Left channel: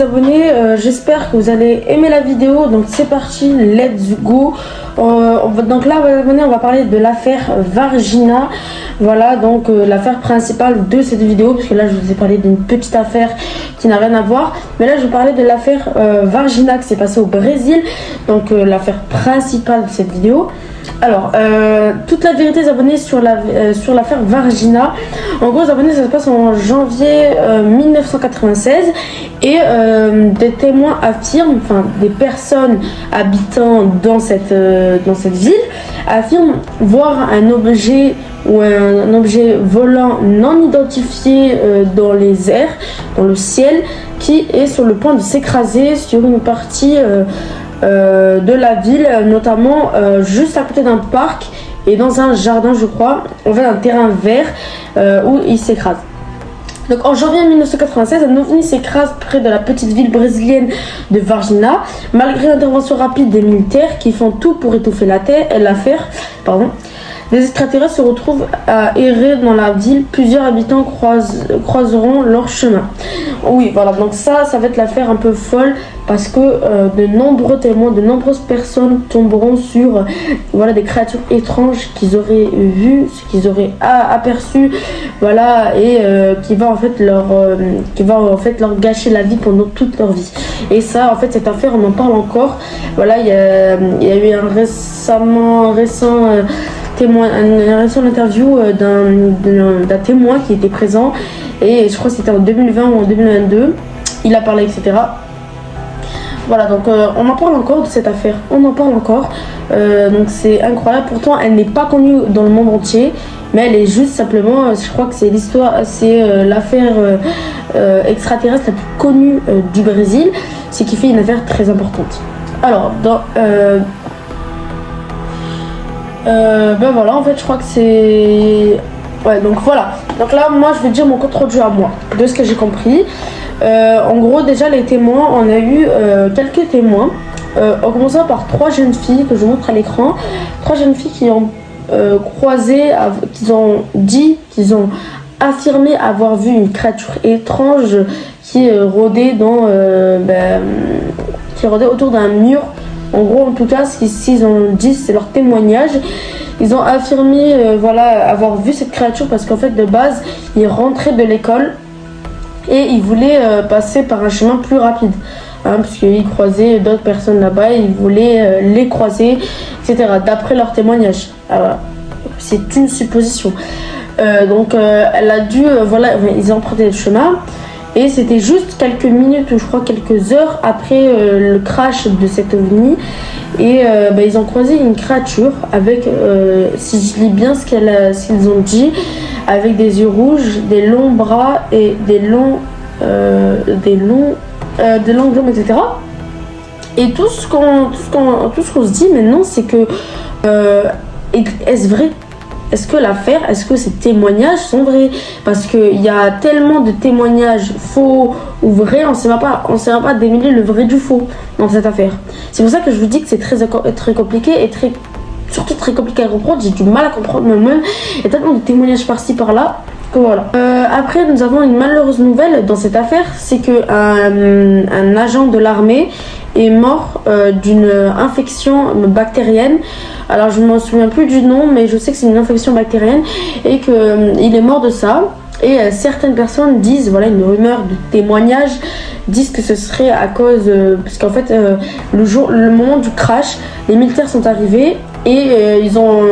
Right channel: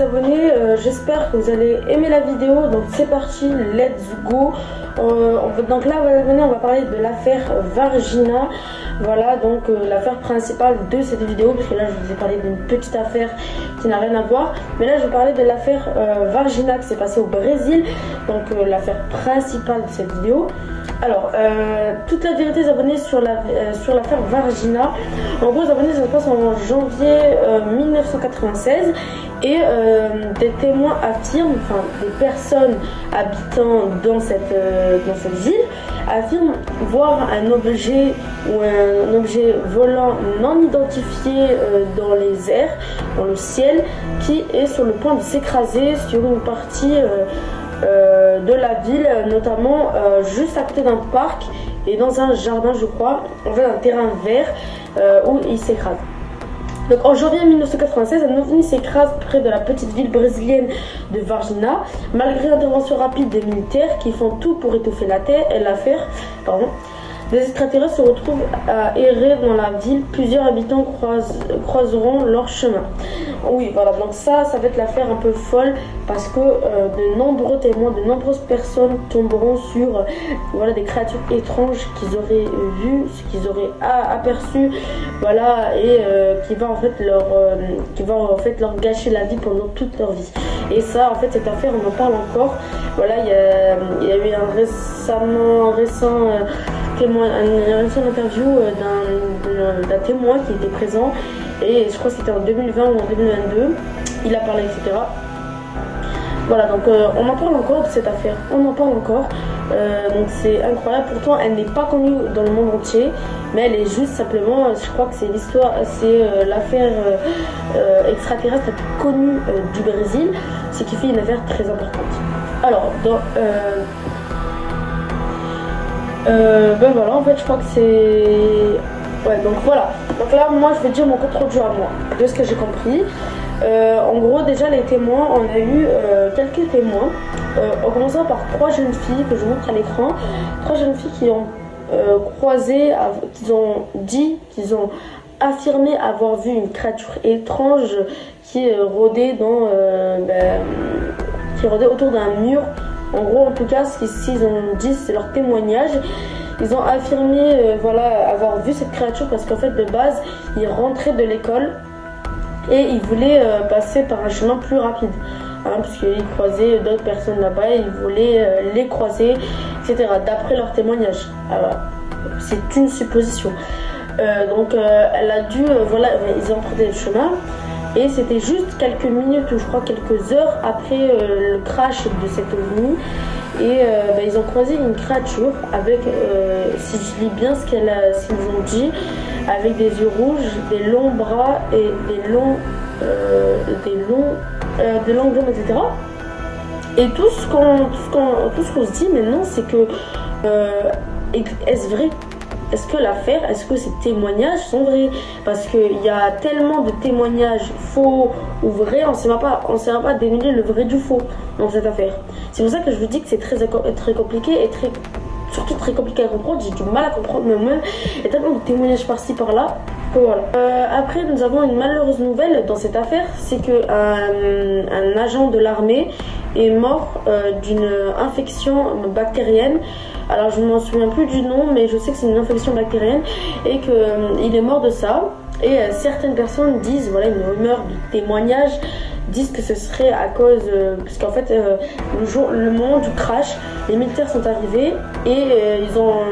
les abonnés, j'espère que vous allez aimer la vidéo. Donc c'est parti, let's go. Donc là, on va parler de l'affaire Vargina. Voilà, donc l'affaire principale de cette vidéo, parce que là je vous ai parlé d'une petite affaire qui n'a rien à voir, mais là je vais parler de l'affaire Vargina qui s'est passée au Brésil, donc l'affaire principale de cette vidéo. Alors, toute la vérité, les abonnés, sur l'affaire Vargina. En gros, les abonnés, ça se passe en janvier 1996 et des témoins affirment, enfin des personnes habitant dans cette ville affirment voir un objet ou un objet volant non identifié dans les airs, dans le ciel, qui est sur le point de s'écraser sur une partie de la ville, notamment juste à côté d'un parc et dans un jardin, je crois, en fait un terrain vert où il s'écrase. Donc en janvier 1996, un ovni s'écrase près de la petite ville brésilienne de Varginha. Malgré l'intervention rapide des militaires qui font tout pour étouffer l'affaire, les extraterrestres se retrouvent à errer dans la ville. Plusieurs habitants croiseront leur chemin. Oui, voilà, donc ça va être l'affaire un peu folle parce que de nombreux témoins, de nombreuses personnes tomberont sur des créatures étranges qu'ils auraient vues, qu'ils auraient aperçues, voilà, et qui va en fait leur gâcher la vie pendant toute leur vie. Et ça, en fait, cette affaire, on en parle encore. Voilà, il y a eu un récent interview d'un témoin qui était présent, et je crois que c'était en 2020 ou en 2022, il a parlé, etc. Voilà, donc on en parle encore de cette affaire, on en parle encore, donc c'est incroyable. Pourtant elle n'est pas connue dans le monde entier, mais elle est juste simplement, je crois que c'est l'affaire extraterrestre la plus connue du Brésil, ce qui fait une affaire très importante. Alors ben voilà, en fait je crois que c'est... Ouais, donc voilà. Donc là, moi je vais dire mon contre-jeu à moi, de ce que j'ai compris. En gros, déjà les témoins, on a eu quelques témoins. En commençant par 3 jeunes filles que je vous montre à l'écran. 3 jeunes filles qui ont qu'ils ont affirmé avoir vu une créature étrange qui rôdait qui rôdait autour d'un mur. En gros, en tout cas, ce qu'ils ont dit, c'est leur témoignage. Ils ont affirmé avoir vu cette créature parce qu'en fait, de base, ils rentraient de l'école et ils voulaient passer par un chemin plus rapide. Parce qu'ils croisaient d'autres personnes là-bas et ils voulaient les croiser, etc. D'après leur témoignage. Alors, c'est une supposition. Donc, elle a dû... ils ont emprunté le chemin. Et c'était juste quelques minutes, ou je crois quelques heures après le crash de cet ovni. Et ils ont croisé une créature avec, si je lis bien ce qu'ils ont dit, avec des yeux rouges, des longs bras et des longs jambes, etc. Et tout ce qu'on se dit maintenant, c'est que est-ce vrai? Est-ce que ces témoignages sont vrais? Parce qu'il y a tellement de témoignages faux ou vrais, on ne saura pas démêler le vrai du faux dans cette affaire. C'est pour ça que je vous dis que c'est très compliqué et surtout très compliqué à comprendre. J'ai du mal à comprendre moi-même. Il y a tellement de témoignages par-ci par-là que voilà. Après, nous avons une malheureuse nouvelle dans cette affaire, c'est que un agent de l'armée est mort d'une infection bactérienne. Alors je ne m'en souviens plus du nom, mais je sais que c'est une infection bactérienne et qu'il est mort de ça. Et certaines personnes disent, une rumeur de témoignage, disent que ce serait à cause... parce qu'en fait, le moment du crash, les militaires sont arrivés et ils ont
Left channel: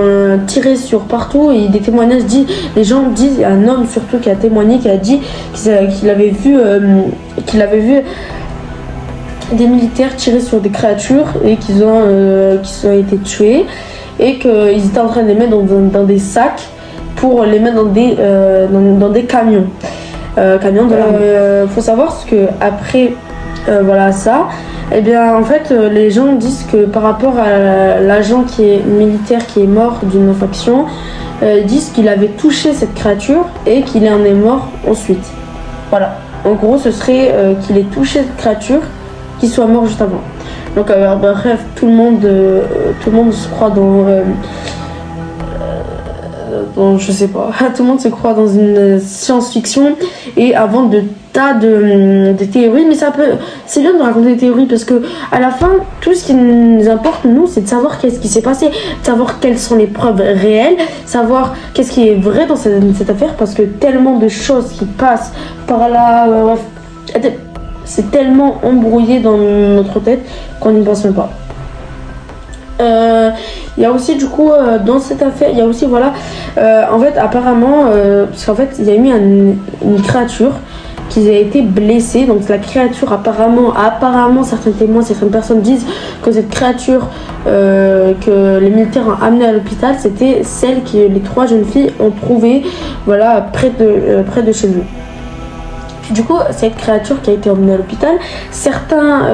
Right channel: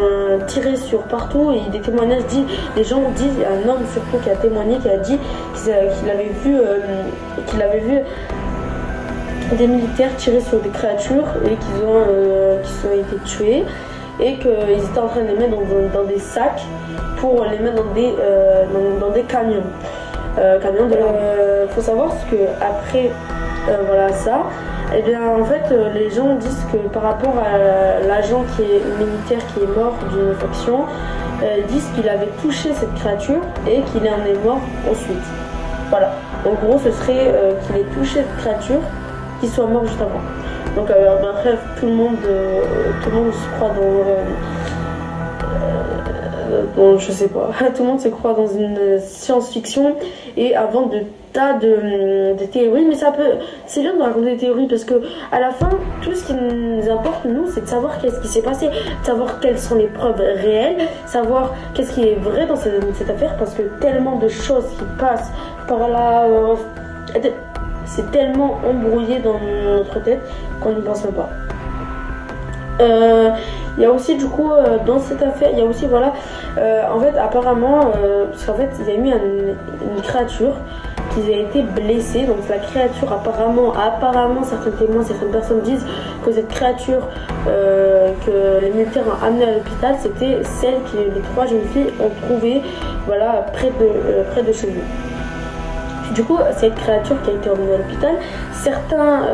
tiré sur partout. Et des témoignages disent, les gens disent, il y a un homme surtout qui a témoigné, qui a dit qu'il avait vu des militaires tirer sur des créatures et qui ont été tués, et qu'ils étaient en train de les mettre dans des sacs pour les mettre dans des camions de l'armée. Faut savoir que après ça, eh bien en fait les gens disent que par rapport à l'agent qui est militaire qui est mort d'une infection, disent qu'il avait touché cette créature et qu'il en est mort ensuite. Voilà, en gros ce serait qu'il ait touché cette créature, qu'il soit mort juste avant. Donc bref, tout le monde se croit je sais pas, tout le monde se croit dans une science-fiction et invente de tas de théories, mais c'est bien de raconter des théories parce que à la fin, tout ce qui nous importe, nous, c'est de savoir qu'est-ce qui s'est passé, de savoir quelles sont les preuves réelles, savoir qu'est-ce qui est vrai dans cette affaire, parce que tellement de choses qui passent par là, c'est tellement embrouillé dans notre tête qu'on n'y pense même pas. Il y a aussi du coup dans cette affaire, il y a aussi voilà, en fait apparemment, parce qu'en fait il y a eu une créature qui a été blessée. Donc la créature apparemment certains témoins, certaines personnes disent que cette créature que les militaires ont amenée à l'hôpital, c'était celle que les 3 jeunes filles ont trouvée, voilà, près de chez eux. Du coup, cette créature qui a été emmenée à l'hôpital, certains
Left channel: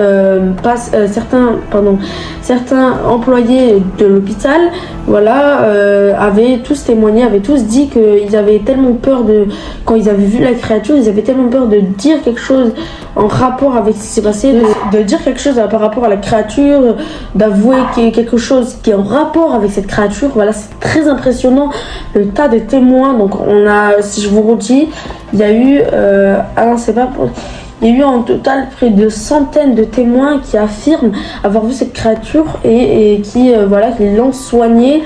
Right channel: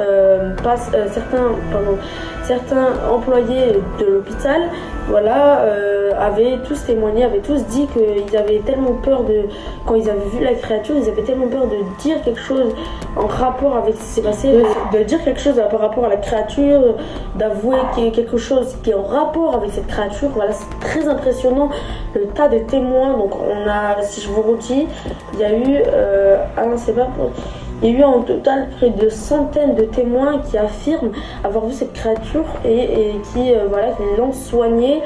employés de l'hôpital, voilà, avaient tous témoigné, avaient tous dit qu'ils avaient tellement peur quand ils avaient vu la créature, ils avaient tellement peur de dire quelque chose en rapport avec ce qui s'est passé, de dire quelque chose par rapport à la créature, d'avouer quelque chose qui est en rapport avec cette créature. Voilà, c'est très impressionnant le tas de témoins. Donc si je vous redis, il y a eu il y a eu en total près de centaines de témoins qui affirment avoir vu cette créature et qui l'ont soignée.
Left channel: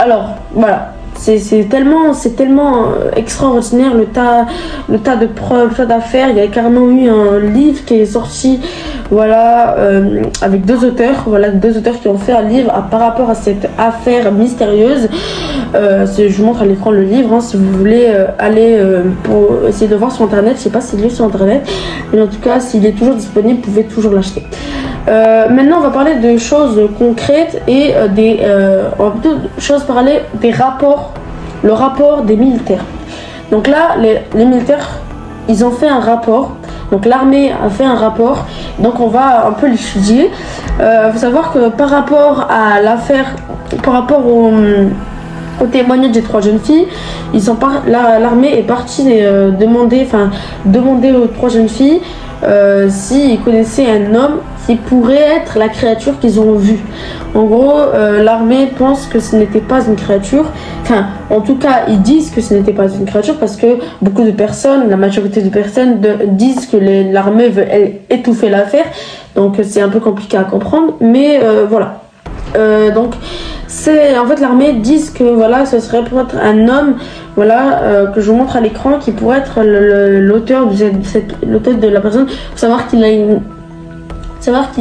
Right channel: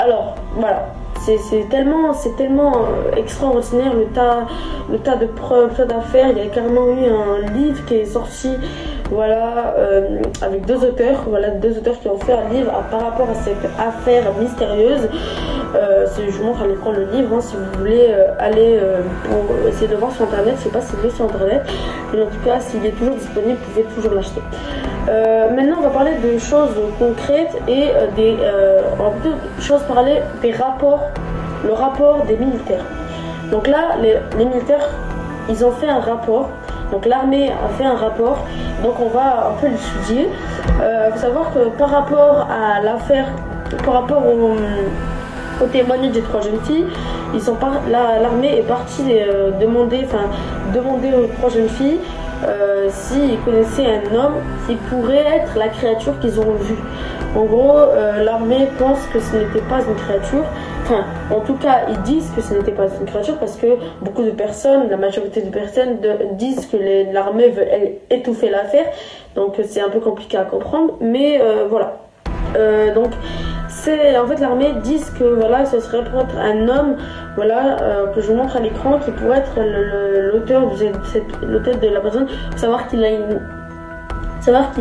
Alors voilà, c'est tellement extraordinaire le tas de preuves, le tas d'affaires. Il y a carrément eu un livre qui est sorti, voilà, avec 2 auteurs, qui ont fait un livre par rapport à cette affaire mystérieuse. Je vous montre à l'écran le livre, hein, si vous voulez aller pour essayer de voir sur internet. Je sais pas s'il est sur internet, mais en tout cas s'il est toujours disponible, vous pouvez toujours l'acheter. Maintenant on va parler de choses concrètes et on va plutôt parler des rapports, le rapport des militaires. Donc là les militaires, ils ont fait un rapport. Donc l'armée a fait un rapport, donc on va un peu l'étudier. Faut savoir que par rapport à l'affaire, par rapport au témoignage des 3 jeunes filles, l'armée est partie demander aux 3 jeunes filles s'ils connaissaient un homme qui pourrait être la créature qu'ils ont vue. En gros, l'armée pense que ce n'était pas une créature. Enfin, en tout cas, ils disent que ce n'était pas une créature parce que beaucoup de personnes, la majorité des personnes disent que l'armée veut étouffer l'affaire. Donc c'est un peu compliqué à comprendre, mais voilà. Donc en fait l'armée dit que voilà, ce serait peut-être un homme, voilà, que je vous montre à l'écran, qui pourrait être l'auteur de la personne. Faut savoir qu'il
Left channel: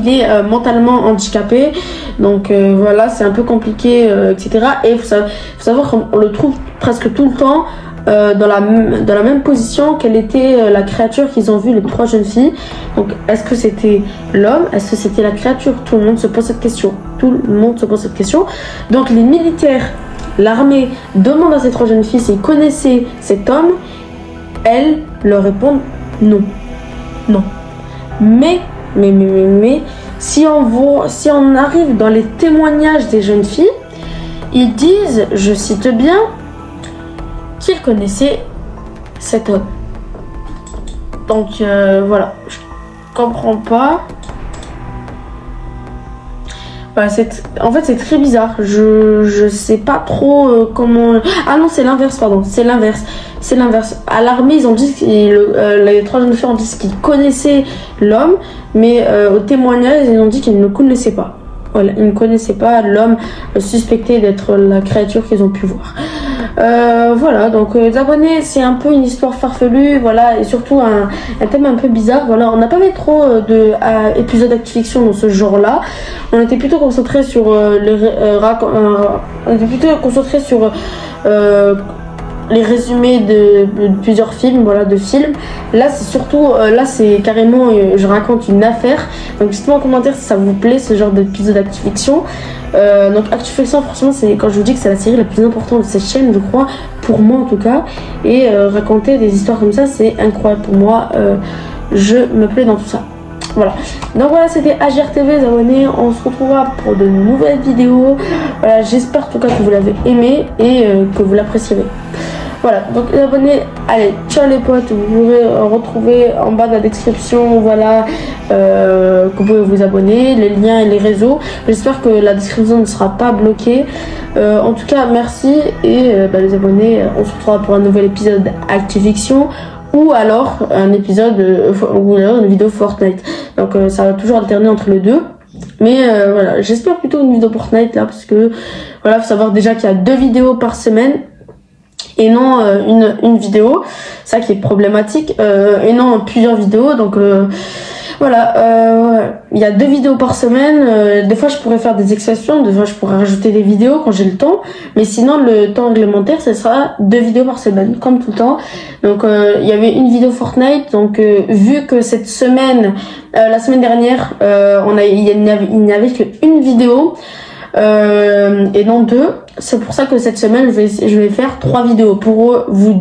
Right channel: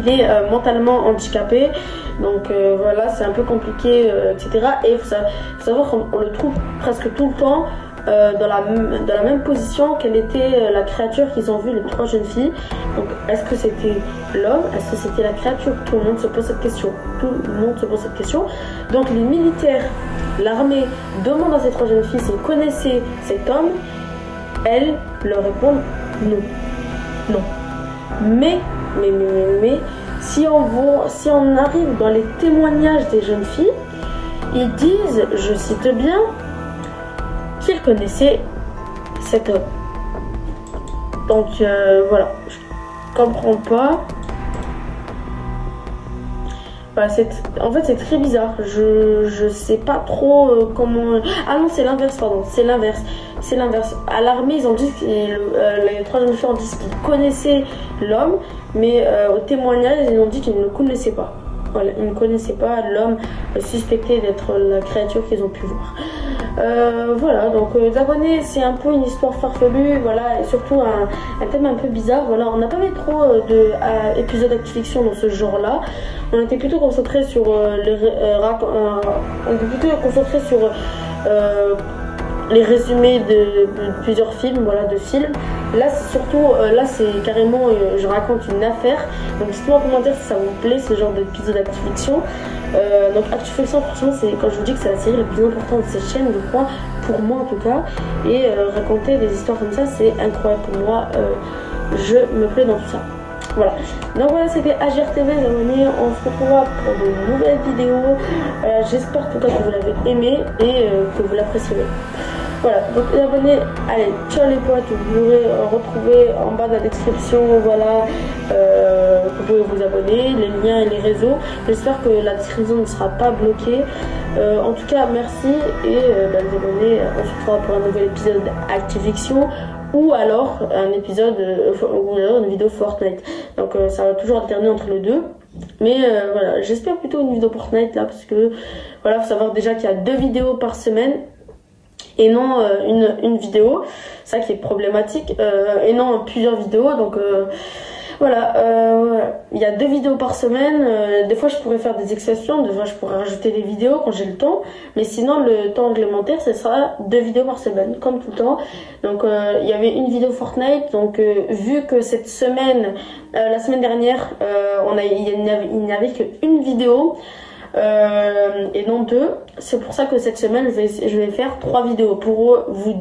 est mentalement handicapé, donc voilà, c'est un peu compliqué, etc. Et il faut savoir qu'on le trouve presque tout le temps dans la même position qu'elle était la créature qu'ils ont vue, les 3 jeunes filles. Donc est-ce que c'était l'homme, est-ce que c'était la créature? Tout le monde se pose cette question. Donc les militaires, l'armée demande à ces 3 jeunes filles s'ils connaissaient cet homme. Elles leur répondent non. Mais si on arrive dans les témoignages des jeunes filles, ils disent, je cite bien, qu'ils connaissaient cet homme. Donc voilà, je comprends pas. Voilà, en fait c'est très bizarre. Je sais pas trop comment. Ah non, c'est l'inverse, pardon. C'est l'inverse. À l'armée, ils ont dit les 3 jeunes filles ont dit qu'ils connaissaient l'homme, mais au témoignage, ils ont dit qu'ils ne le connaissaient pas. Voilà, ils ne connaissaient pas l'homme suspecté d'être la créature qu'ils ont pu voir. Voilà, donc les abonnés, c'est un peu une histoire farfelue, voilà, et surtout un thème un peu bizarre. Voilà, on n'a pas mis trop d'épisodes d'Actu-Fiction dans ce genre-là. On était plutôt concentré sur les résumés de plusieurs films, voilà, de films. Là c'est surtout, là c'est carrément, je raconte une affaire. Donc dites-moi en commentaire si ça vous plaît ce genre d'épisode d'Actu-Fiction. Donc Actu-Fiction, franchement, c'est quand je vous dis que c'est la série la plus importante de cette chaîne, je crois, pour moi en tout cas. Et raconter des histoires comme ça, c'est incroyable pour moi. Je me plais dans tout ça. Voilà, donc voilà, c'était HRTV, les abonnés. On se retrouvera pour de nouvelles vidéos. Voilà, j'espère en tout cas que vous l'avez aimé et que vous l'apprécierez. Voilà, donc les abonnés, allez, ciao les potes, vous pouvez retrouver en bas de la description, voilà, que vous pouvez vous abonner, les liens et les réseaux. J'espère que la description ne sera pas bloquée. En tout cas, merci et les abonnés, on se retrouvera pour un nouvel épisode Activision ou alors un épisode ou alors une vidéo Fortnite. Donc ça va toujours alterner entre les deux. Mais voilà, j'espère plutôt une vidéo Fortnite là parce que voilà, faut savoir déjà qu'il y a 2 vidéos par semaine et non une vidéo, ça qui est problématique, et non plusieurs vidéos. Donc voilà, il y a 2 vidéos par semaine. Des fois je pourrais faire des exceptions, des fois je pourrais rajouter des vidéos quand j'ai le temps, mais sinon le temps réglementaire ce sera 2 vidéos par semaine comme tout le temps. Donc il y avait une vidéo Fortnite, donc vu que cette semaine, la semaine dernière, il n'y avait qu'une vidéo et non 2, c'est pour ça que cette semaine je vais faire 3 vidéos pour vous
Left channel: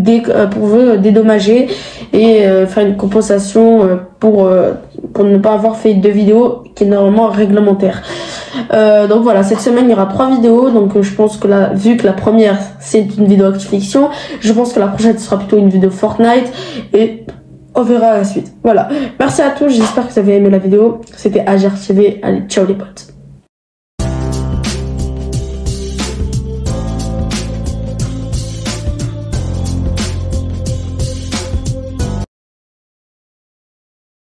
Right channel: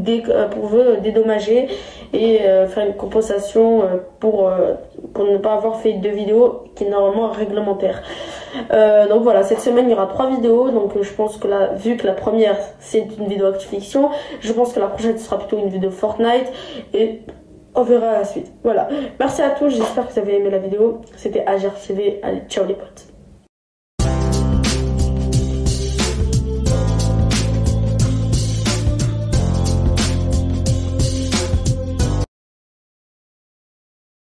dédommager et faire une compensation pour ne pas avoir fait 2 vidéos qui est normalement réglementaire. Donc voilà, cette semaine il y aura 3 vidéos, donc je pense que là, vu que la première c'est une vidéo Activision, je pense que la prochaine sera plutôt une vidéo Fortnite et on verra la suite. Voilà, merci à tous, j'espère que vous avez aimé la vidéo. C'était AGR TV, allez ciao les potes.